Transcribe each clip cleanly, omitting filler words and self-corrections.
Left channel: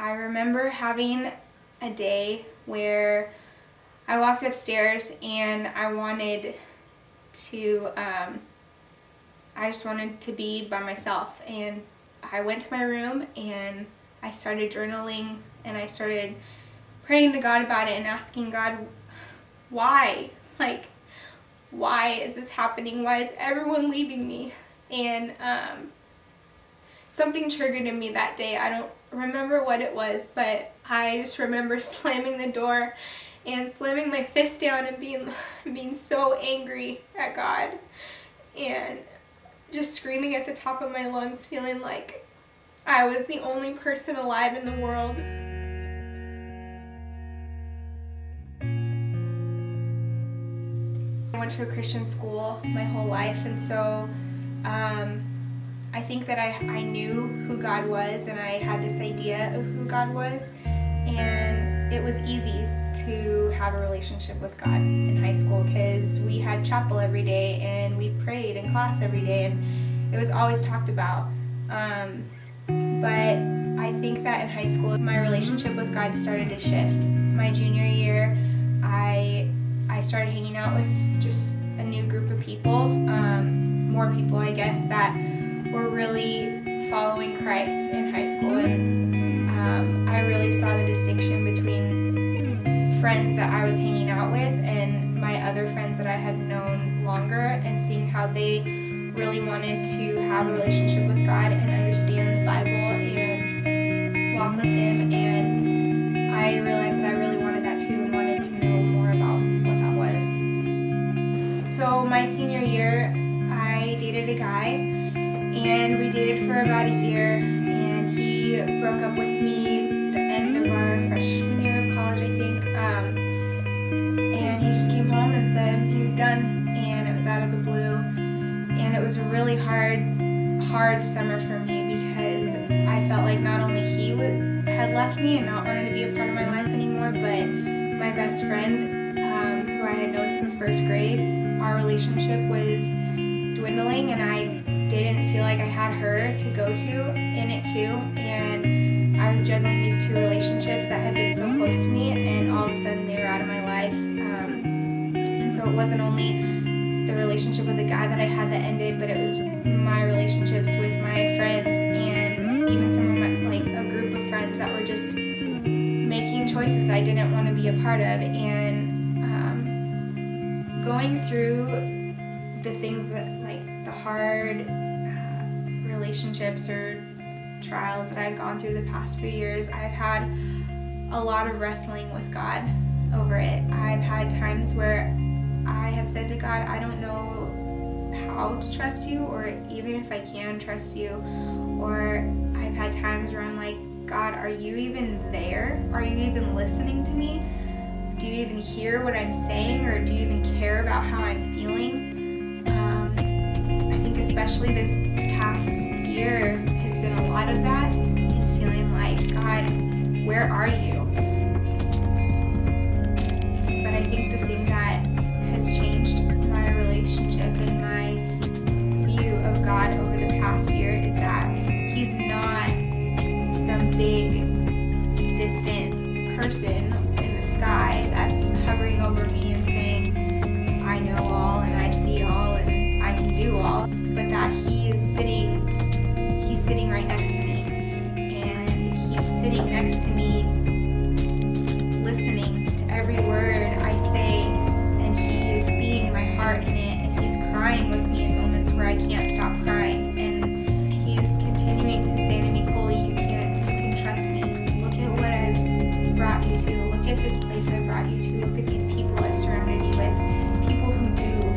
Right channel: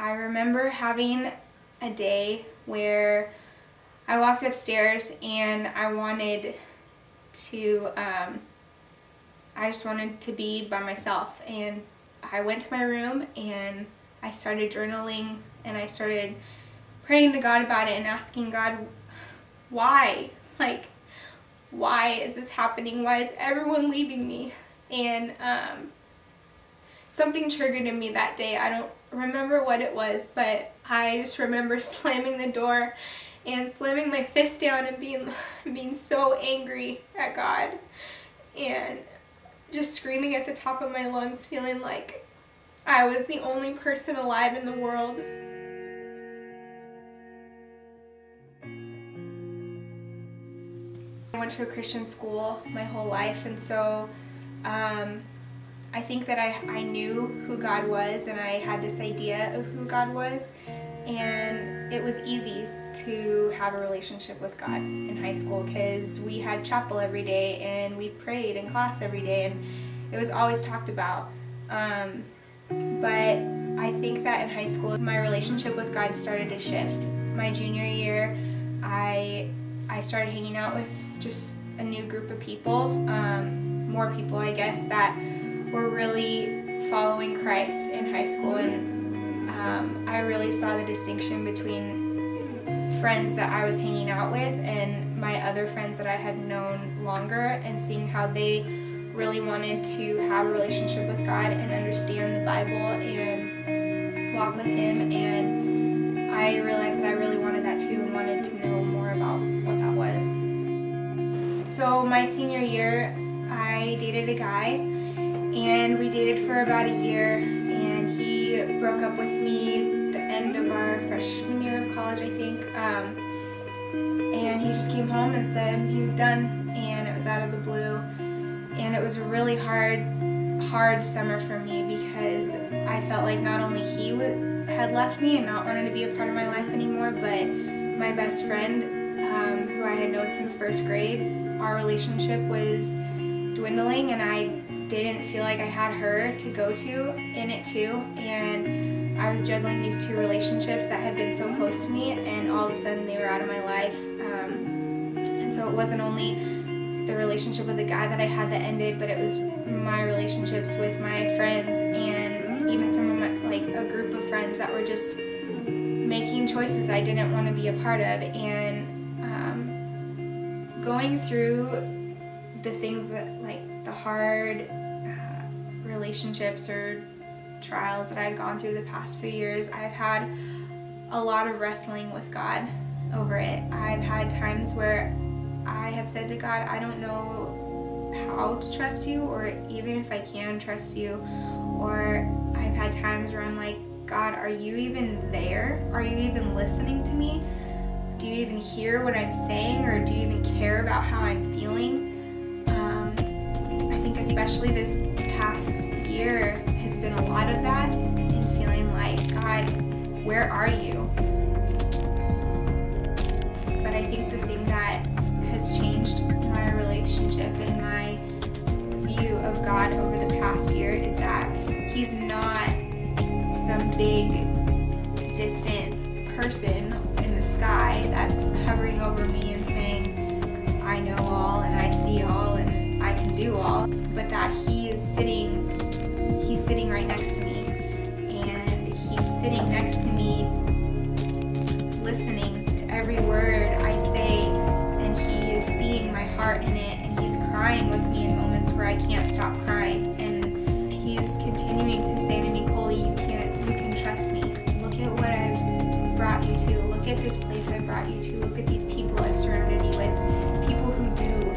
I remember having a day where I walked upstairs and I just wanted to be by myself, and I went to my room and I started journaling and I started praying to God about it and asking God, why? Like, why is this happening? Why is everyone leaving me? And something triggered in me that day. I don't remember what it was, but I just remember slamming the door and slamming my fist down and being so angry at God and just screaming at the top of my lungs, feeling like I was the only person alive in the world. I went to a Christian school my whole life, and so I think that I knew who God was, and I had this idea of who God was, and it was easy to have a relationship with God in high school because we had chapel every day and we prayed in class every day, and it was always talked about. But I think that in high school my relationship with God started to shift. My junior year I started hanging out with just a new group of people, more people I guess, that were really following Christ in high school, and I really saw the distinction between friends that I was hanging out with and my other friends that I had known longer, and seeing how they really wanted to have a relationship with God and understand the Bible and walk with Him, and I realized that I really wanted that too and wanted to know more about what that was. So my senior year I dated a guy, and we dated for about a year, and he broke up with me the end of our freshman year of college, I think, and he just came home and said he was done, and it was out of the blue, and it was a really hard summer for me because I felt like not only he had left me and not wanted to be a part of my life anymore, but my best friend, who I had known since first grade, our relationship was dwindling, and I didn't feel like I had her to go to in it too, and I was juggling these two relationships that had been so close to me, and all of a sudden they were out of my life. And so it wasn't only the relationship with the guy that I had that ended, but it was my relationships with my friends, and even some of my, like a group of friends that were just making choices I didn't want to be a part of, and going through the things that, like the hard relationships or trials that I've gone through the past few years, I've had a lot of wrestling with God over it. I've had times where I have said to God, I don't know how to trust you, or even if I can trust you. Or I've had times where I'm like, God, are you even there? Are you even listening to me? Do you even hear what I'm saying, or do you even care about how I'm feeling? I think especially this past year has been a lot of that, and feeling like, God, where are you? But I think the thing that has changed my relationship and my view of God over the past year is that He's not some big, distant person in the sky that's hovering over me and saying, I know all and I see all and I can do all, but that He's sitting right next to me, and He's sitting next to me listening to every word I say, and He is seeing my heart in it, and He's crying with me in moments where I can't stop crying, and He's continuing to say to me, Coley, you can trust me. Look at what I've brought you to. Look at this place I've brought you to. Look at these people I've surrounded you with. People who do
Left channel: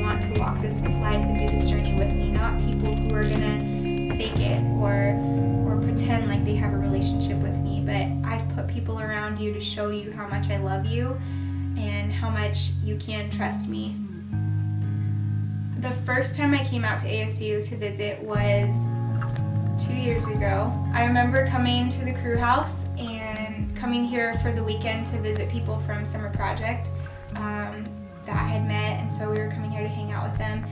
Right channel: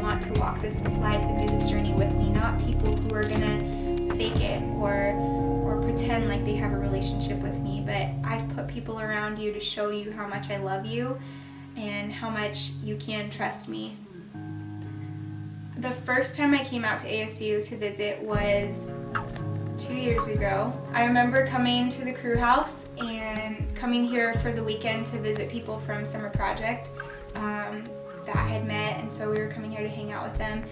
want to walk this life and do this journey with me, not people who are gonna fake it or pretend like they have a relationship with me, but I've put people around you to show you how much I love you and how much you can trust me. The first time I came out to ASU to visit was 2 years ago. I remember coming to the crew house and coming here for the weekend to visit people from Summer Project that I had met, and so we were coming here to hang out with them.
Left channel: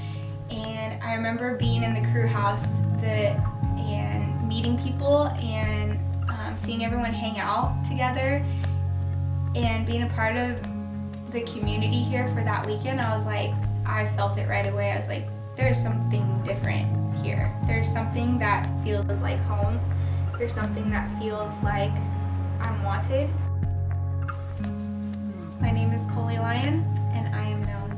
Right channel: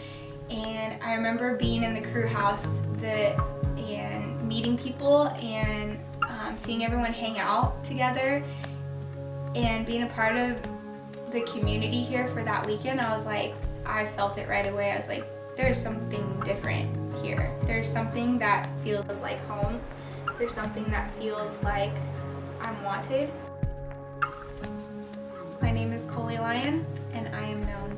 And I remember being in the crew house and meeting people and seeing everyone hang out together and being a part of the community here for that weekend, I was like, I felt it right away. I was like, there's something different here. There's something that feels like home. There's something that feels like I'm wanted. My name is Coley Lyons, and I am known